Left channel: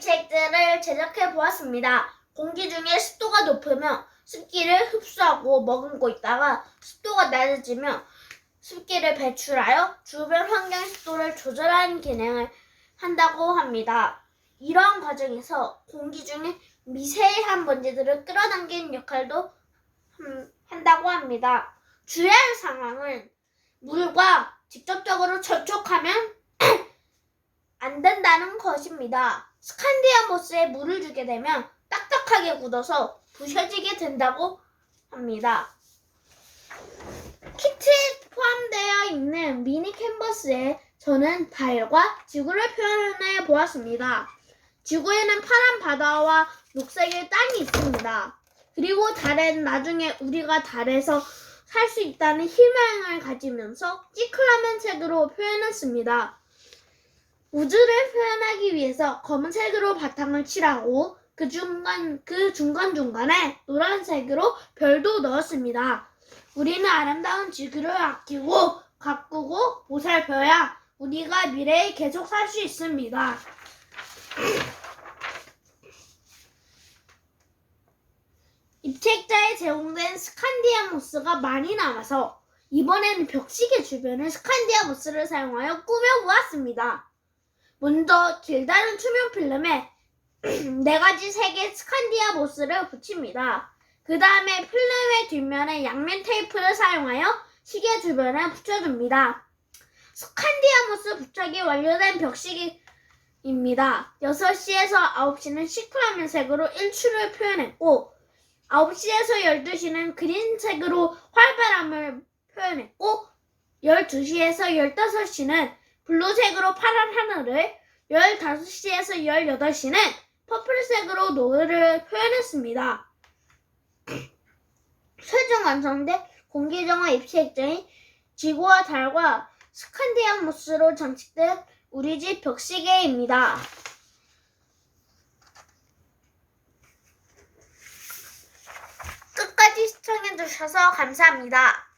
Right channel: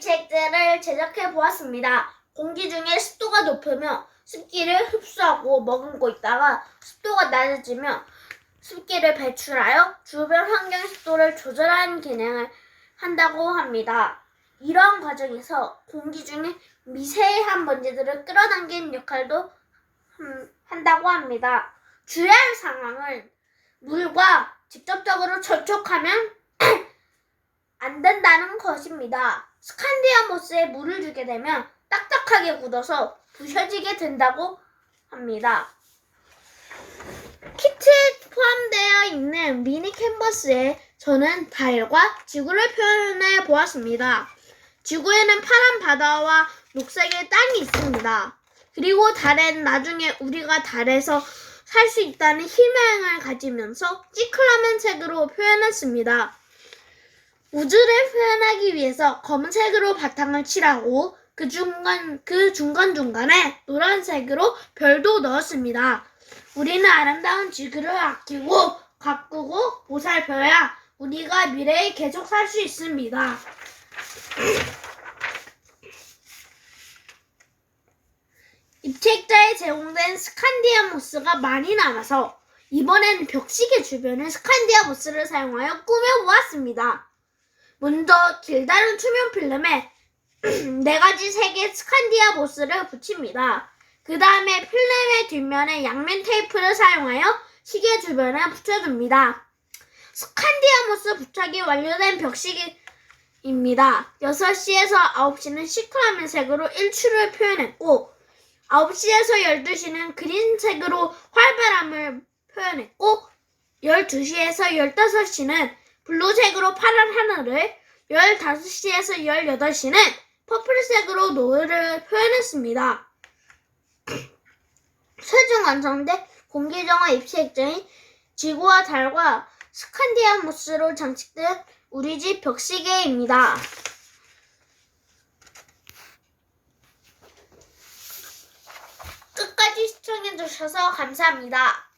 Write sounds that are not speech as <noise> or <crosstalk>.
습기를 제작해 보았습니다. 공기 중에 습도가 높으면 습기를 흡수하고 머금고 있다가 습도가 낮아지면 습기를 배출하여 주변 환경 습도를 조절하는 기능을 한다고 합니다. 이러한 과정에서 공기 중에 미세한 먼지들을 끌어당기는 역할도 함- 한다고 합니다. 주의할 상황은 물과 직접적으로 접촉하면 <clears throat> 안 된다는 것입니다. 스칸디아모스에 물을 주게 되면 딱딱하게 굳어서 부셔지게 된다고 합니다. 키트에 포함되어 있는 미니 캔버스에 저는 달과 지구를 표현해 보았습니다. 지구에는 파란 바다와 녹색의 땅이 있습니다. 그리고 달에는 나중에 우리가 달에서 살 수 있다는 희망을 가지면서 시클라멘 색으로 표현했습니다. 우주를 표현하기 위해서 검은색으로 바탕을 칠하고 그 중간 그 중간 중간에 노란색으로 별도 넣었습니다. 우리는 아름다운 지구를 아끼고 가꾸고 보살펴야 우리가 미래에 계속 살 수 있습니다. <clears throat> 입책자에 제공된 스칸디아모스가 많이 남아서 이번에는 벽시계 주변을 스칸디아모스를 사용하여 꾸며보았습니다. 먼저 길다란 투명 필름에 <clears throat> 네 가지 색의 스칸디아모스를 붙입니다. 그 다음에 필름의 뒷면에 양면 테이프를 사용하여 시계 주변에 붙여줍니다. 스칸디아모스 부착이 완료된 벽시계입니다. 6시에서 9시는 시크라멘 색으로 일출을 표현했고 9시에서 12시는 그린색으로 활발함을 표현했고 12시에서 15시는 블루색으로 파란 하늘을 15시에서 18시는 퍼플색으로 노을을 표현했습니다. <clears throat> 최종 완성된 공기정화 입시 액정이 지구와 달과 스칸디아모스로 장식된 우리 집 벽시계입니다. 끝까지 시청해주셔서 감사합니다.